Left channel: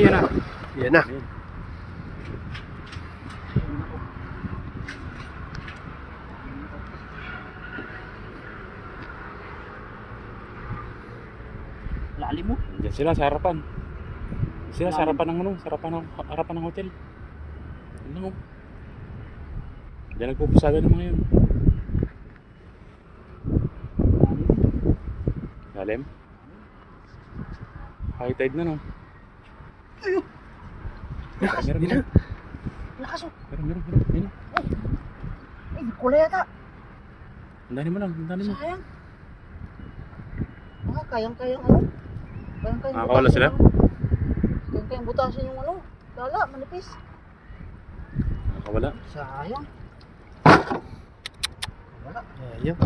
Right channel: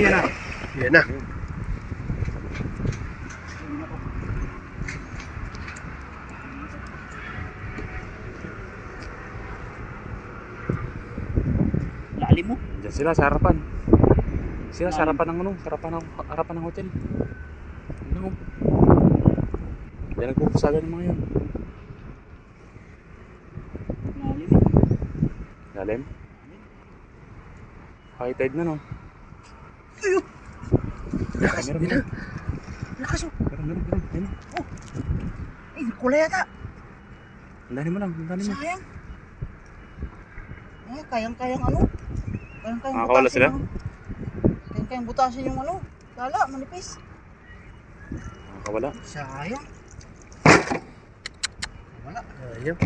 Ayan na. Yan na. Lalim mo. Diyan sila sa harapan. Sila sa harapan ng ano, sa harapan ng hotel. Ano? Diyan nagpupusagan ng mga yun. Lalim. Lalim. High tide na no. Ayun. Lakas, meron. Lakas oh. Meron. Ay, kulay yata. Ang dami mo. Sayang. Ah, kayang-kayang ano? Kayang-kayang Nakakawala butasin sila? Kayang-kayang butasin yung ano? Dala, manipis. Nakakawala. Sayang. Wala. Ayun.